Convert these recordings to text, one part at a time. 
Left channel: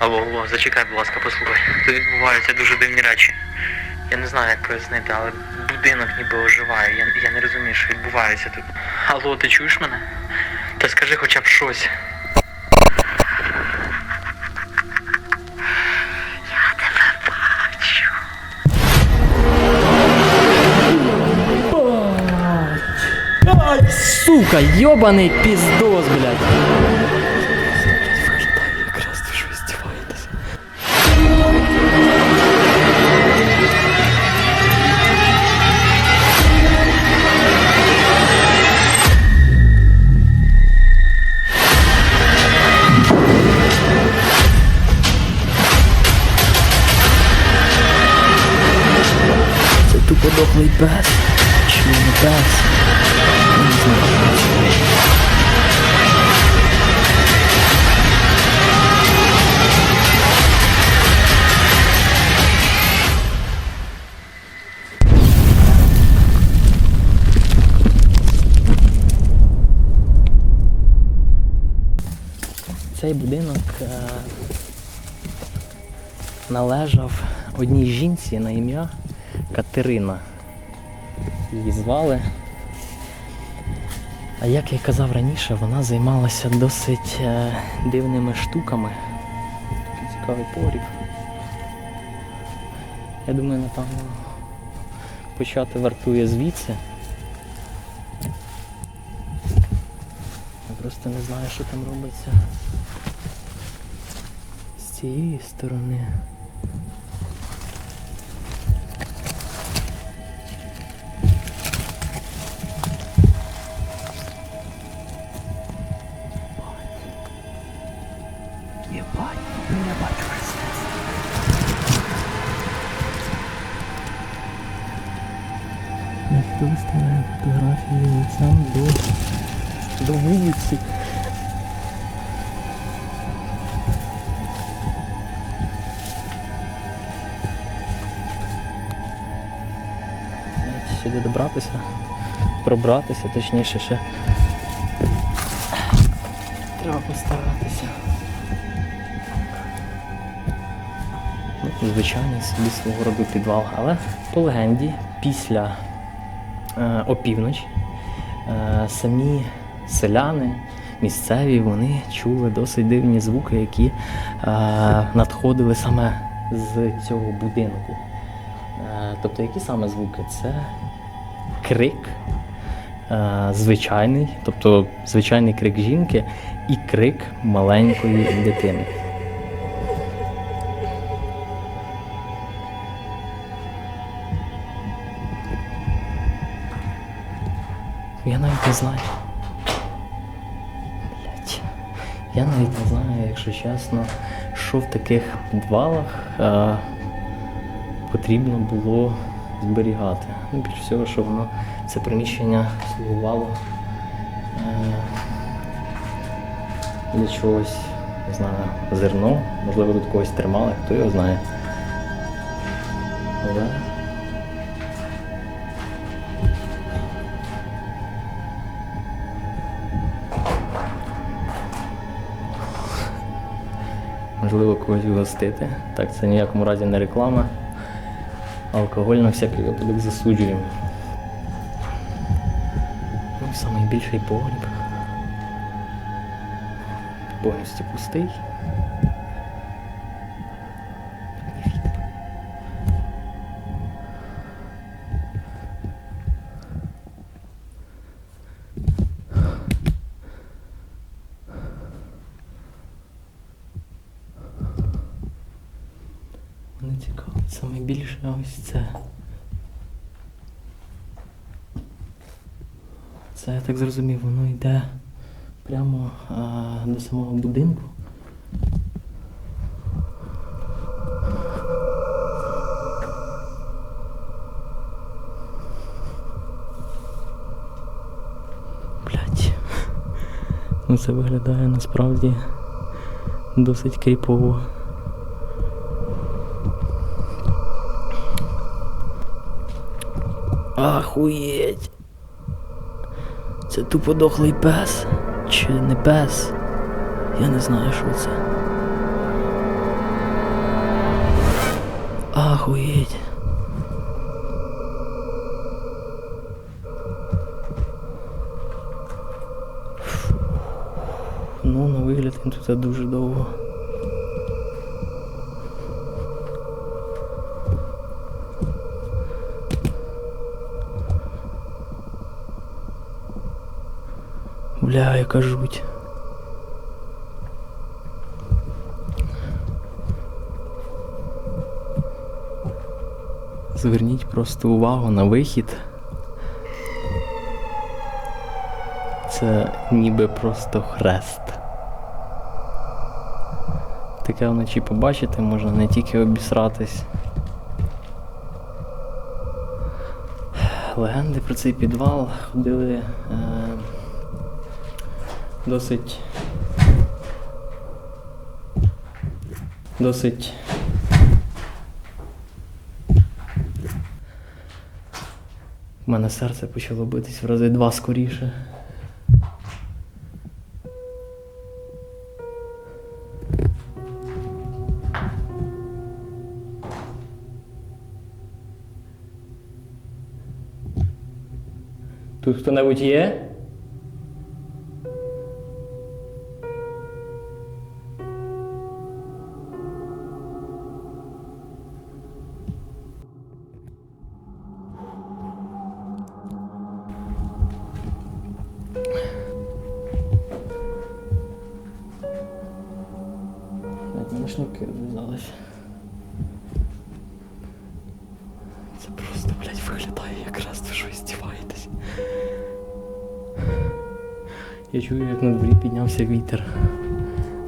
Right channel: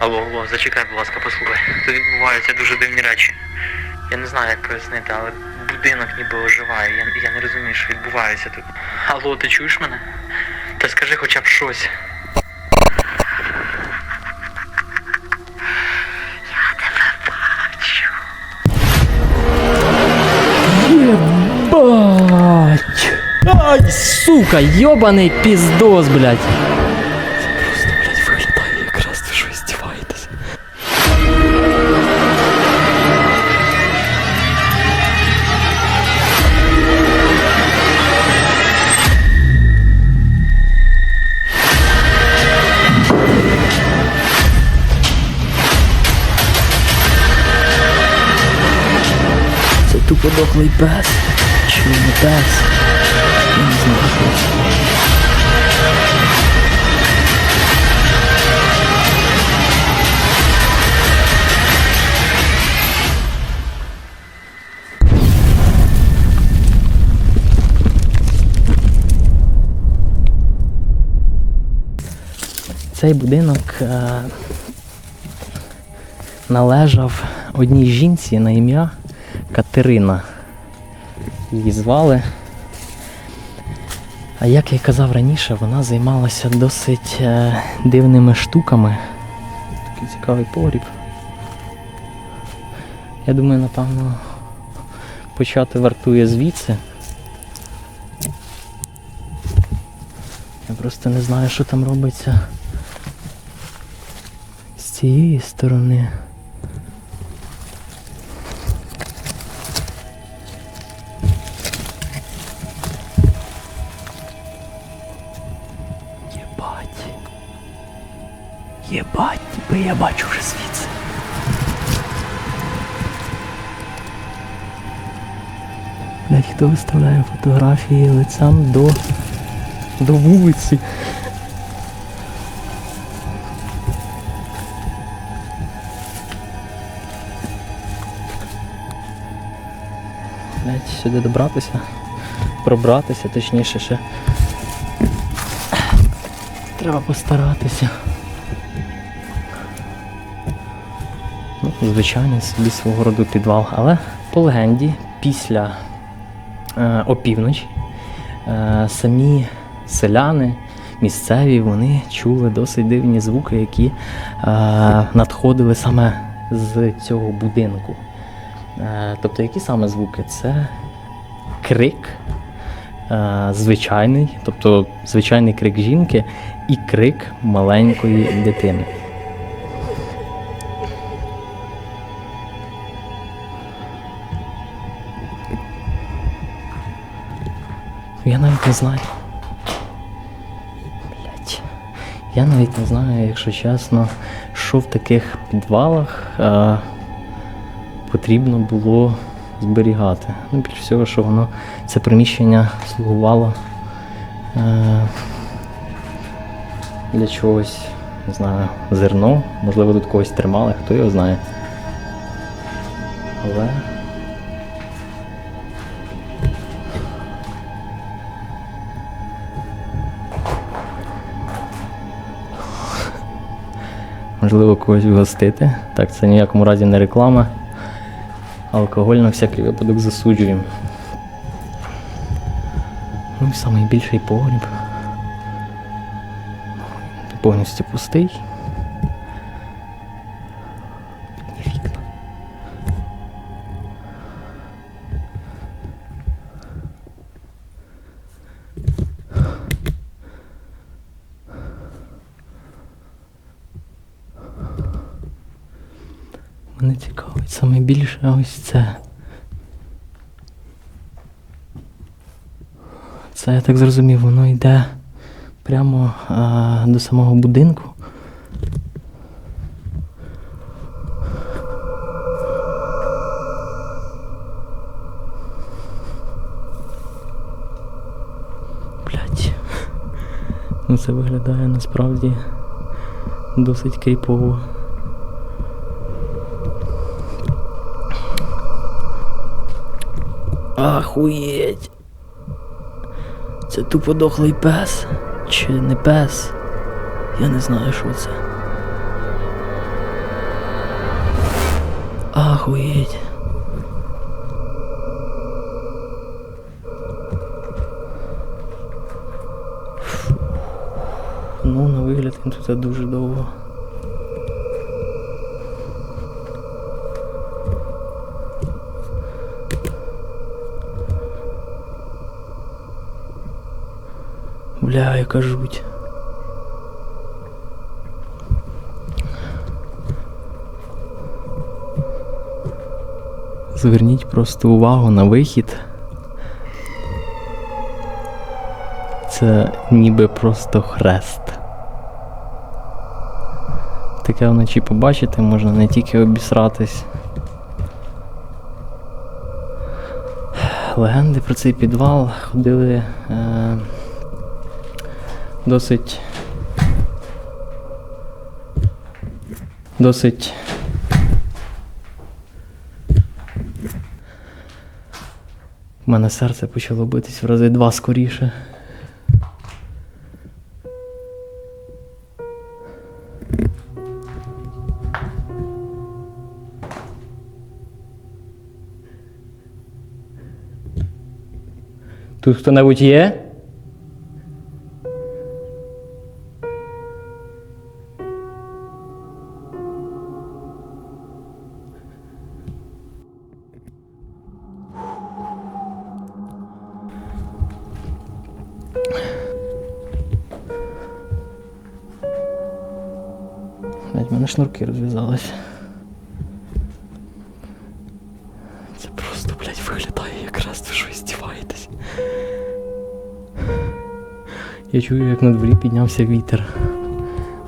Алло, алло, зачекай, будь ласка, послухай. Тут відбуваються дуже дивні речі. Я не знаю, як пояснити, але будинок ніби оживає. Я, я не розумію, що відбувається тут. Алло, ти чуєш мене? Та скажи хоча б щось. Я тебе бачу. Ай, сука, йобаний піздос, блядь. Дохлий пес. Чи не пес? Я не знаю. Цей будинок е, належав одній жінці на ім'я Катерина. Її звали. А як я й казав раніше, вона займалася досить е, дивними штуками. Такий цікавий погріб. Я думаю, напевно, почати вартує звідси. Я просто не знаю, що там робиться з цієї сторони. Єбать, бо я бачу вже звідси. Хто виставляє фотографії лицем до, до вулиці? Сюди добратися, пробратися, точніше ще. Треба постаратися. Звичайний собі свого роду підвал, але по легенді, після е, опівночі е, самі селяни місцеві вони чули досить дивні звуки, які е, надходили саме з цього будинку. Е, тобто, які саме звуки? Це крик, е, звичайний, тобто звичайний крик жінки і крик маленької дитини. Я навіть не знаю. Блять. Я навіть не знаю, якщо чесно, що в таких підвалах е, потрібно було зберігати. Ну, більш всього, що воно це приміщення слугувало е, для чогось, не знаю, зерно, можливо, тут когось тримали, хто його знає. Але можливо когось вгостити. Так, це ніякому разі не реклама. Алкоголь на всякий випадок засуджуємо. Ну і найбільший погріб. Повністю пустий. Саме більше ось це. Це я так зрозумів, воно йде прямо а, до самого будинку. Блять. Ну це виглядає насправді досить кріпово. Ахуєть. Це тупо дохлий пес. Чи не пес? Я не знаю, що це. Ахуєть. Ну, на вигляд він тут дуже довго. Бля, яка жуть. Зверніть просто увагу на вихід. Це ніби просто хрест. Таке вночі побачити можна не тільки обісратись. Легенди про цей підвал ходили е, досить. Досить. У мене серце почало битись в рази два скоріше. Тут хто-небудь є? Блядь, в мене шнурки розв'язались. Це просто, блядь, виглядає якраз ви що здіваєтесь. Я чую, як на дворі піднявся вітер.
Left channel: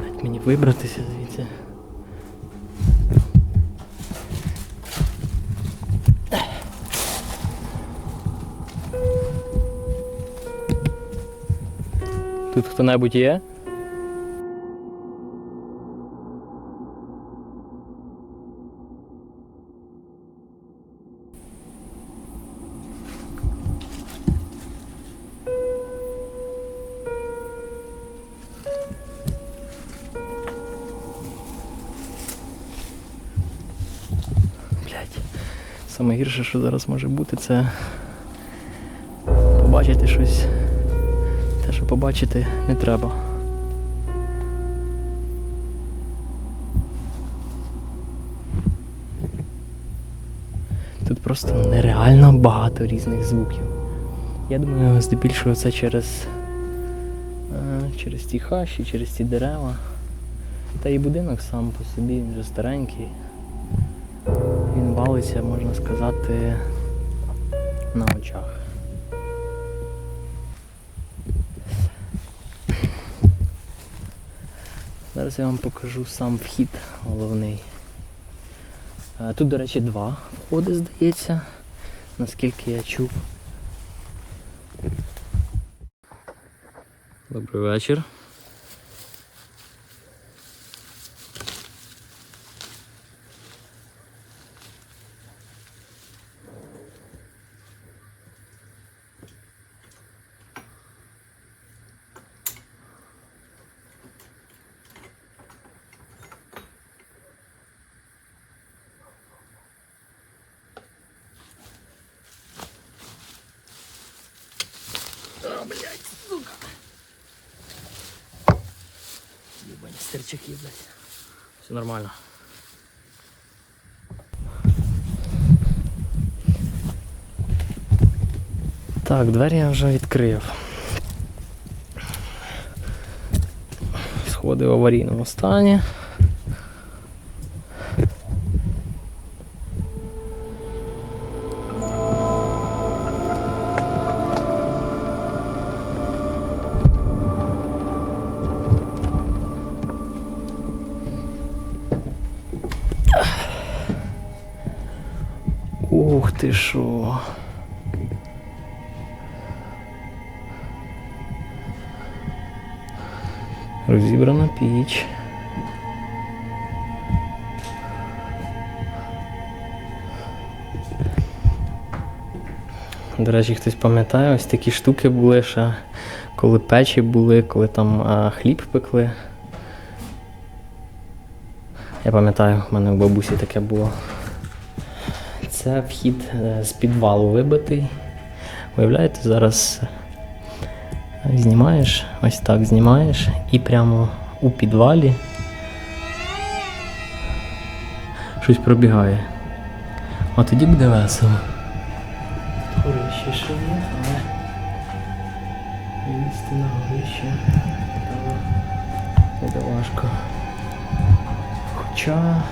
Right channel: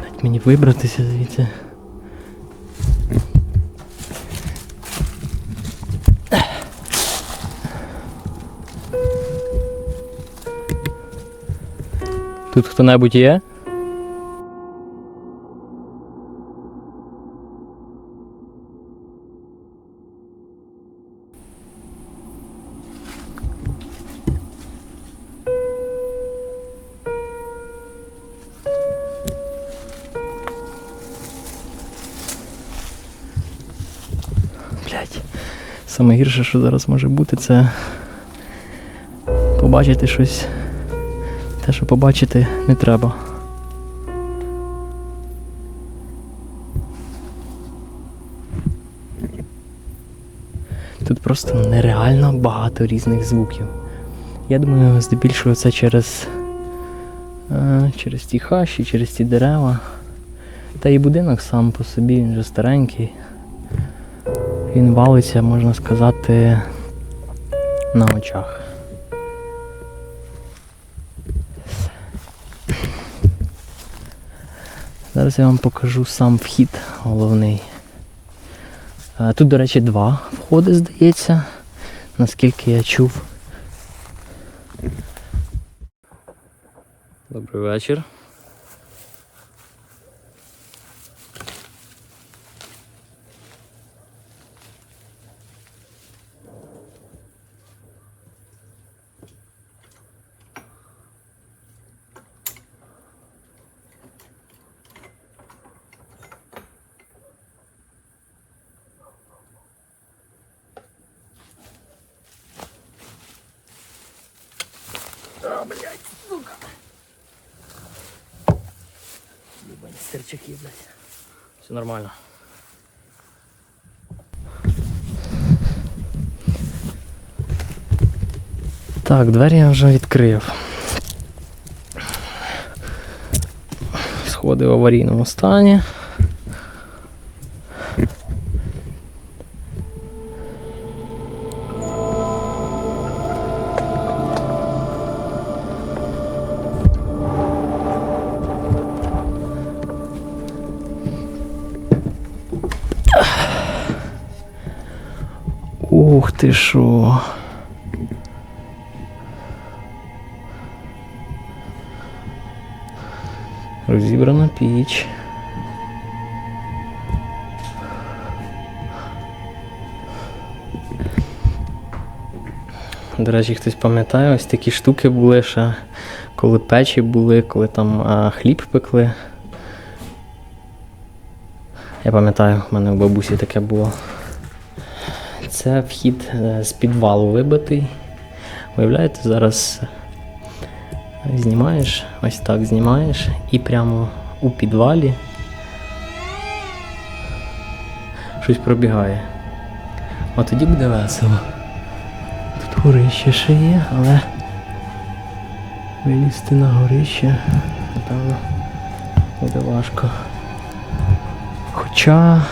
Блядь, мені вибратися звідси. Тут хто-небудь є? Саме гірше, що зараз може бути, це побачити щось. Те, що побачити не треба. Тут просто нереально багато різних звуків. Я думаю, здебільшого це через, е, через ті хащі, через ті дерева. Та і будинок сам по собі, він вже старенький. Він валиться, можна сказати, на очах. Зараз я вам покажу сам вхід головний. Е, Тут, до речі, два входи, здається, наскільки я чув. Добрий вечір. А, блядь, сука. Ебані стерчаки, блядь. Все нормально. Так, двері я вже відкрив. Сходи в аварійному стані. Ух ти що. Розібрана піч. До речі, хтось пам'ятає, ось такі штуки були ще, коли печі були, коли там а, хліб пекли. Я пам'ятаю, в мене в бабусі таке було. Це вхід е, з підвалу вибитий. Уявляєте, зараз е, знімаєш, ось так знімаєш, і прямо у підвалі щось пробігає. А тоді буде весело. Тут горище ще є, але вилізти на горище, напевно, буде важко. Хоча,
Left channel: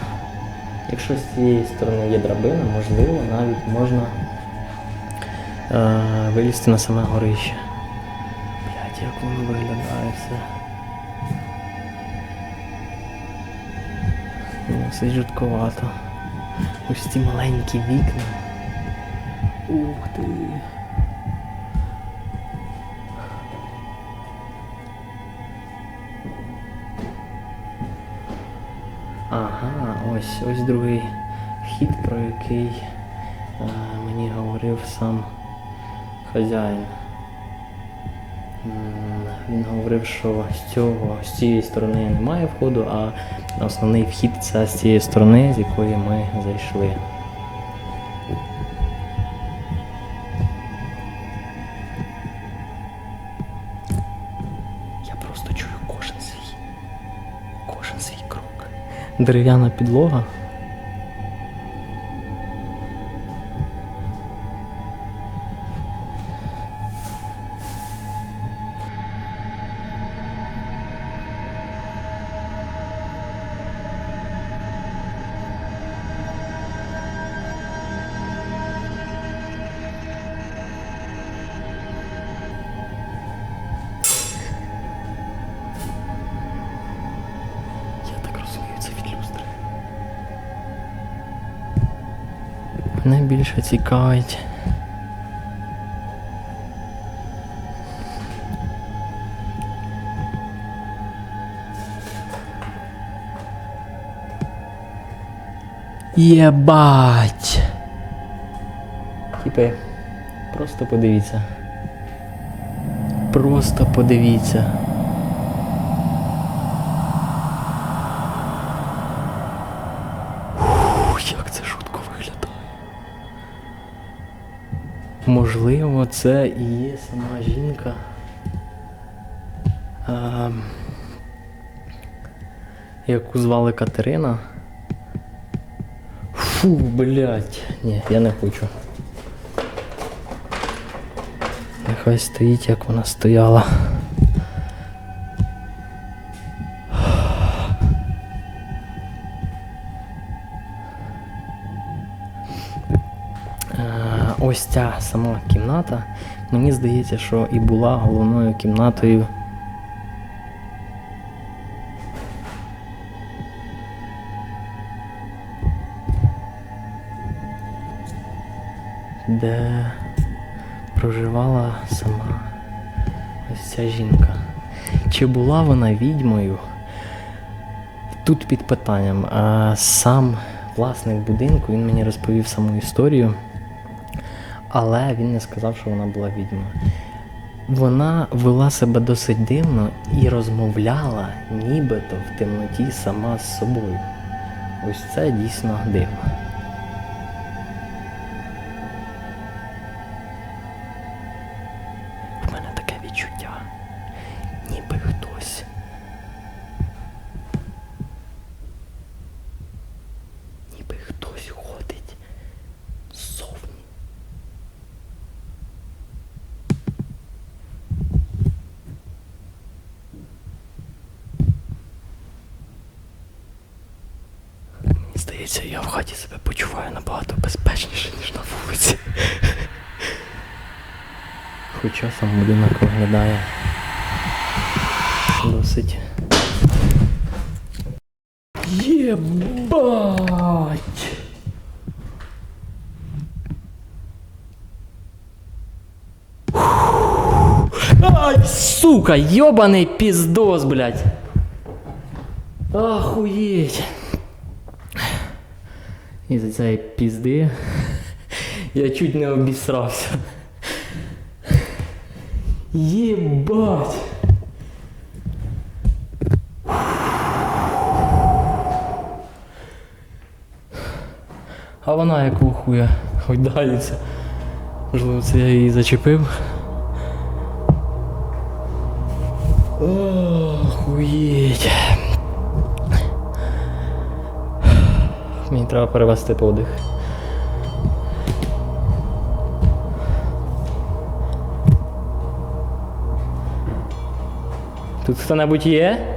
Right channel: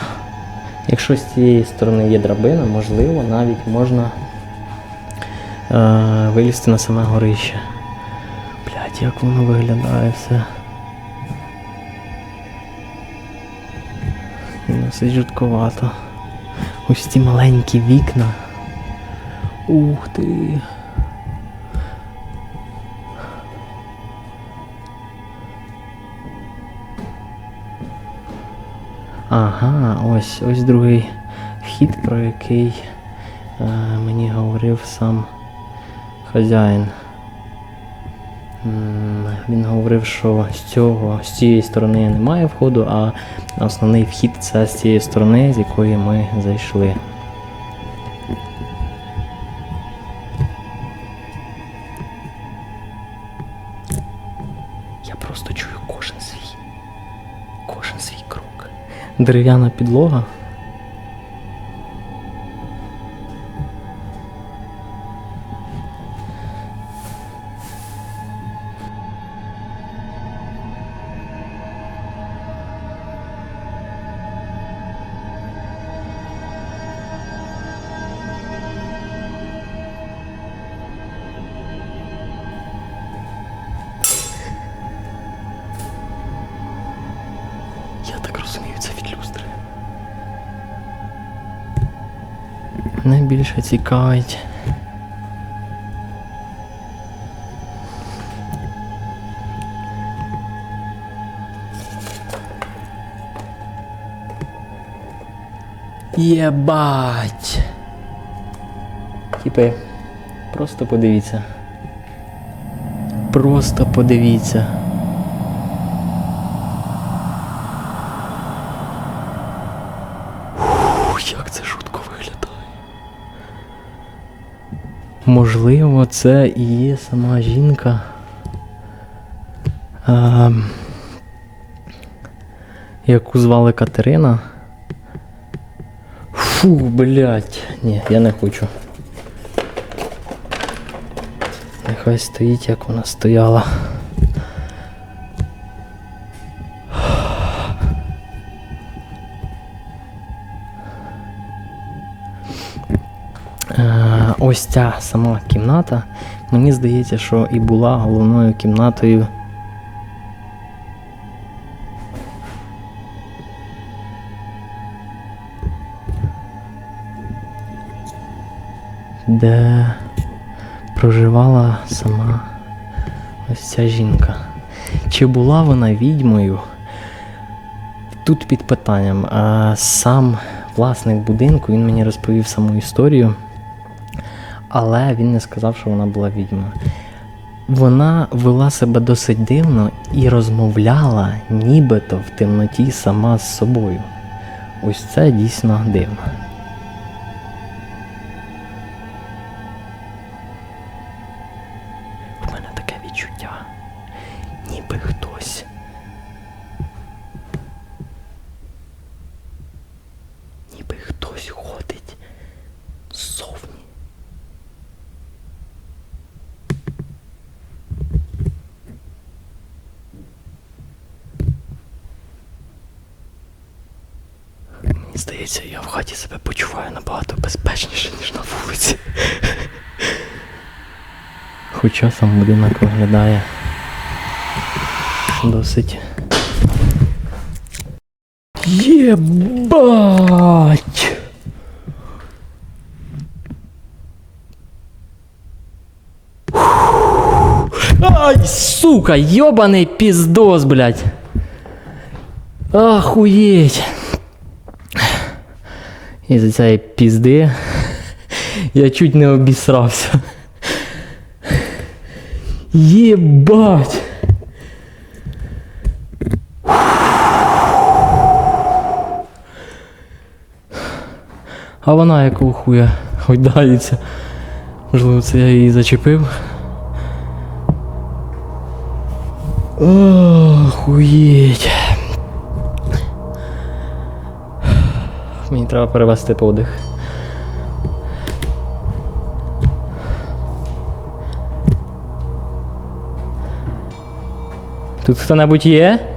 якщо з цієї сторони є драбина, можливо, навіть можна е, вилізти на саме горище. Блять, як воно виглядає все. Досить жутковато. Ось ці маленькі вікна. Ух ти. Ага, ось ось другий вхід, про який е, мені говорив сам хазяїн. Він говорив, що з цього, з цієї сторони немає входу, а основний вхід це з цієї сторони, з якої ми зайшли. Дерев'яна підлога. Так розумію, це від люстри. Мене більше цікавить. Єбать! Типи, просто подивіться. Просто подивіться. Ух, як це жутко виглядає. Можливо, це і є сама жінка. А, яку звали Катерина. Фу, блядь. Ні, я не хочу. Нехай стоїть, як вона стояла. Ось ця сама кімната. Мені здається, що і була головною кімнатою. Де проживала сама ось ця жінка. Чи була вона відьмою? Тут під питанням. А сам власник будинку він мені розповів саму історію, але він не сказав, що вона була відьмою. Вона вела себе досить дивно і розмовляла нібито в темноті сама з собою. Ось це дійсно дивно. В мене таке відчуття, ніби хтось. Ніби хтось ходить ззовні. Мені здається, я в хаті себе почуваю набагато безпечніше, ніж на вулиці. Хоча сам будинок виглядає досить. Єбать! Ай, сука, ёбаный пиздос, блядь. Охуеть. Із-за цієї пізди я чуть не обісрався. Єбать! А вона якого хуя гойдається. Можливо, це я її зачепив. Охуєть. Мені треба перевести подих. Тут хто-небудь є?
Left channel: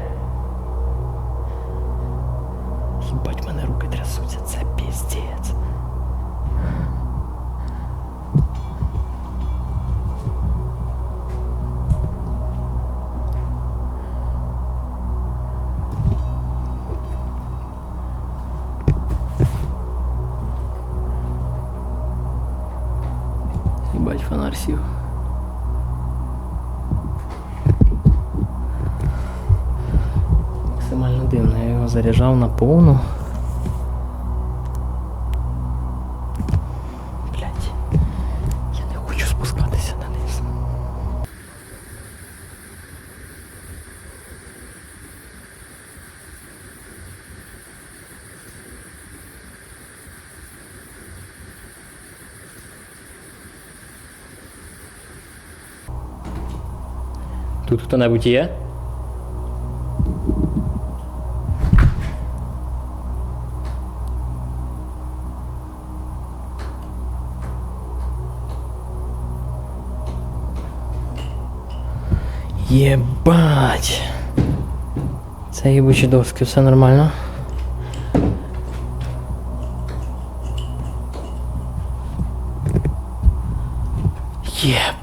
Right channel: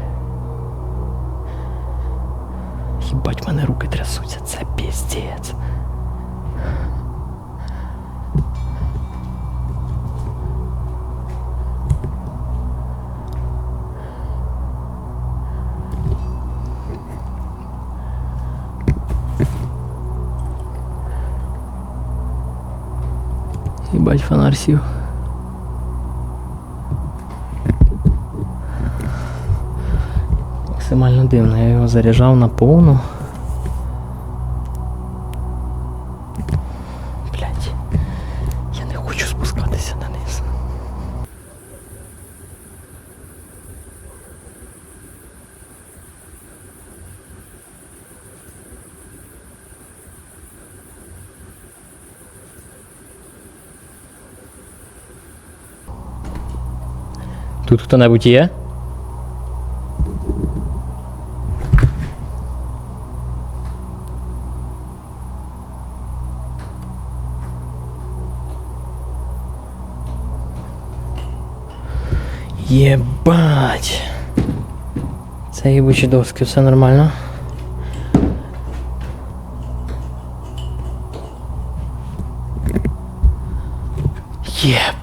Їбать. Максимально дивно, я його заряджав на повну. Блять, я не хочу спускатися дониз. Тут хто-небудь є? Єбать. Це їбучі доски, все нормально. Єбать.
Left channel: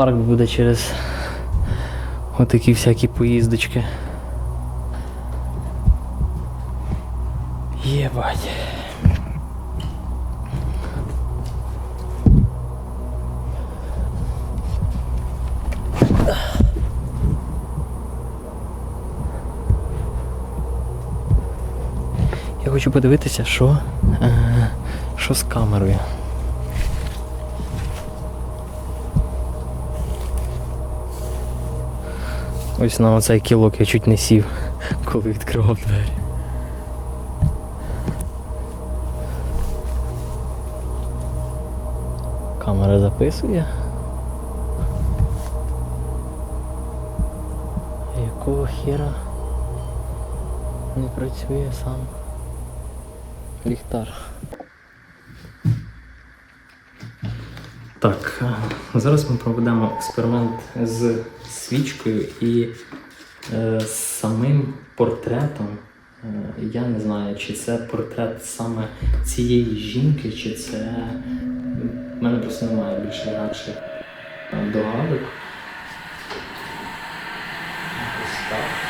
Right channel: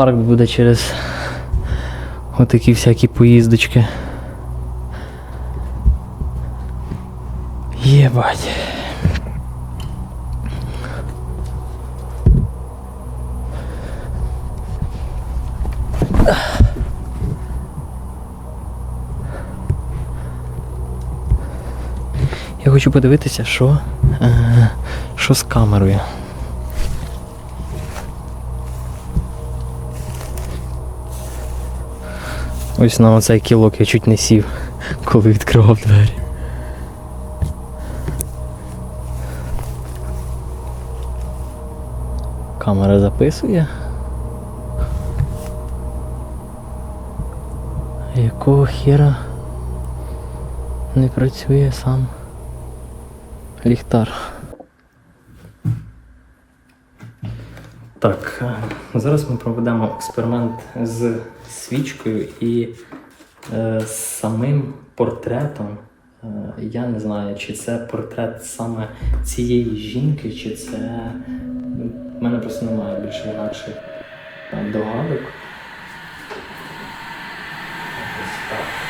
Інфаркт буде через отакі всякі поїздочки. Єбать. Я хочу подивитися, що, е, що з камерою. Ось на оцей кілок я чуть не сів, коли відкривав двері. Камера записує. Якого хера не працює сам ліхтар? Так, зараз ми проведемо експеримент з свічкою і е, самим портретом. Е, я не знаю, чи це портрет саме цієї жінки, чи це. У мене просто немає більше інакших е, догадок. Ось так.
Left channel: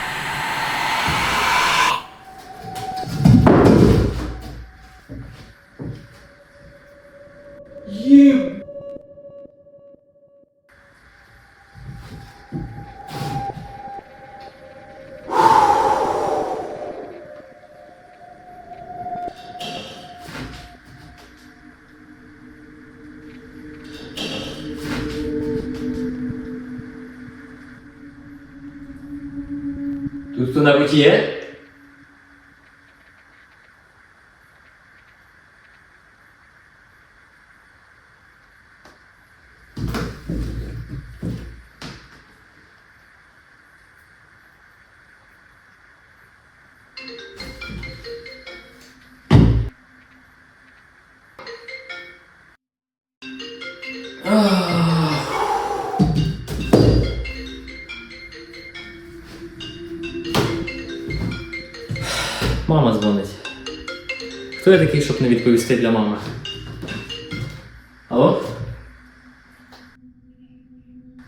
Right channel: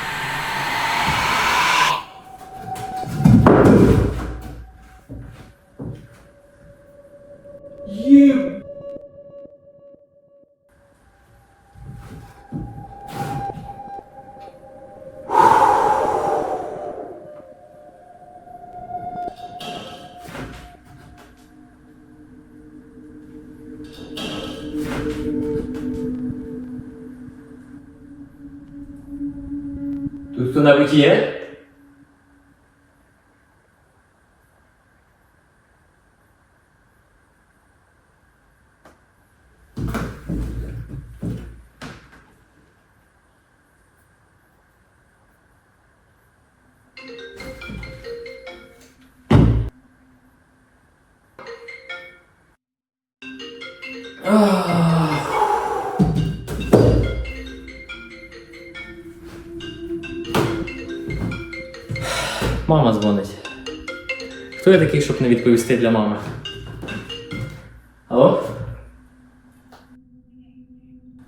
Тут хто-небудь є? Мама дзвонить. Хто я такий, щоб не відповісти для мами? Алло?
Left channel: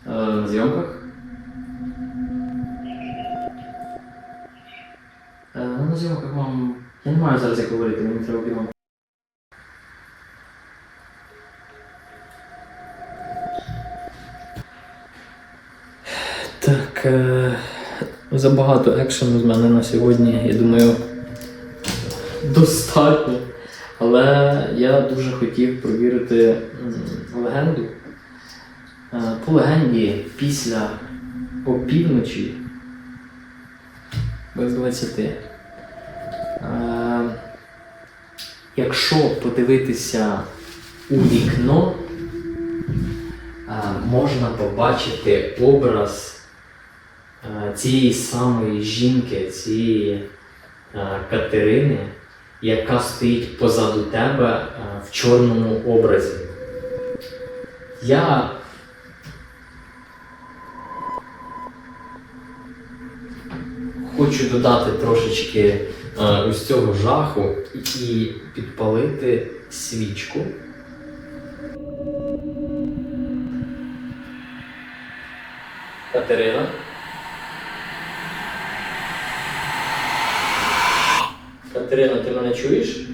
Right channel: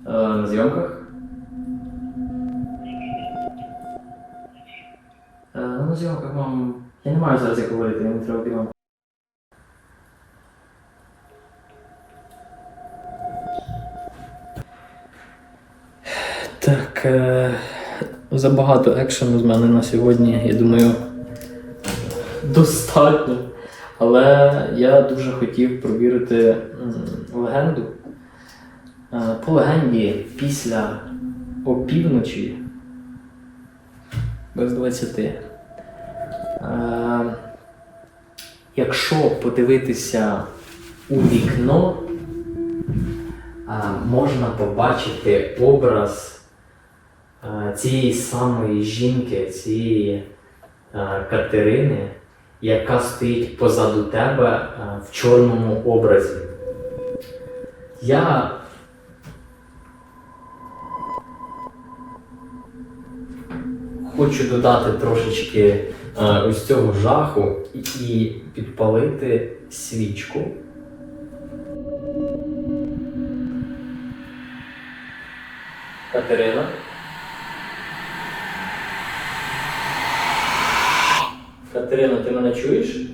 Е, на зйомках? Е, ну, на зйомках, мам. Я не маю зараз як говорити, мені треба бігом. Так, е, забагато екшену з мене на сьогодні, я думаю, достатньо. Але я дуже хотів провірити легенду. Е, по легенді, після опівночі, без 20. Е, якщо подивитися у вікно, е, можна побачити образ цієї самої жінки, цієї Катерини, яка стоїть позаду тебе е, в чорному образі. Я хочу додати трошечки е, ось цього жаху і підпалити свічку. Катерина. Катерина, ти мене чуєш?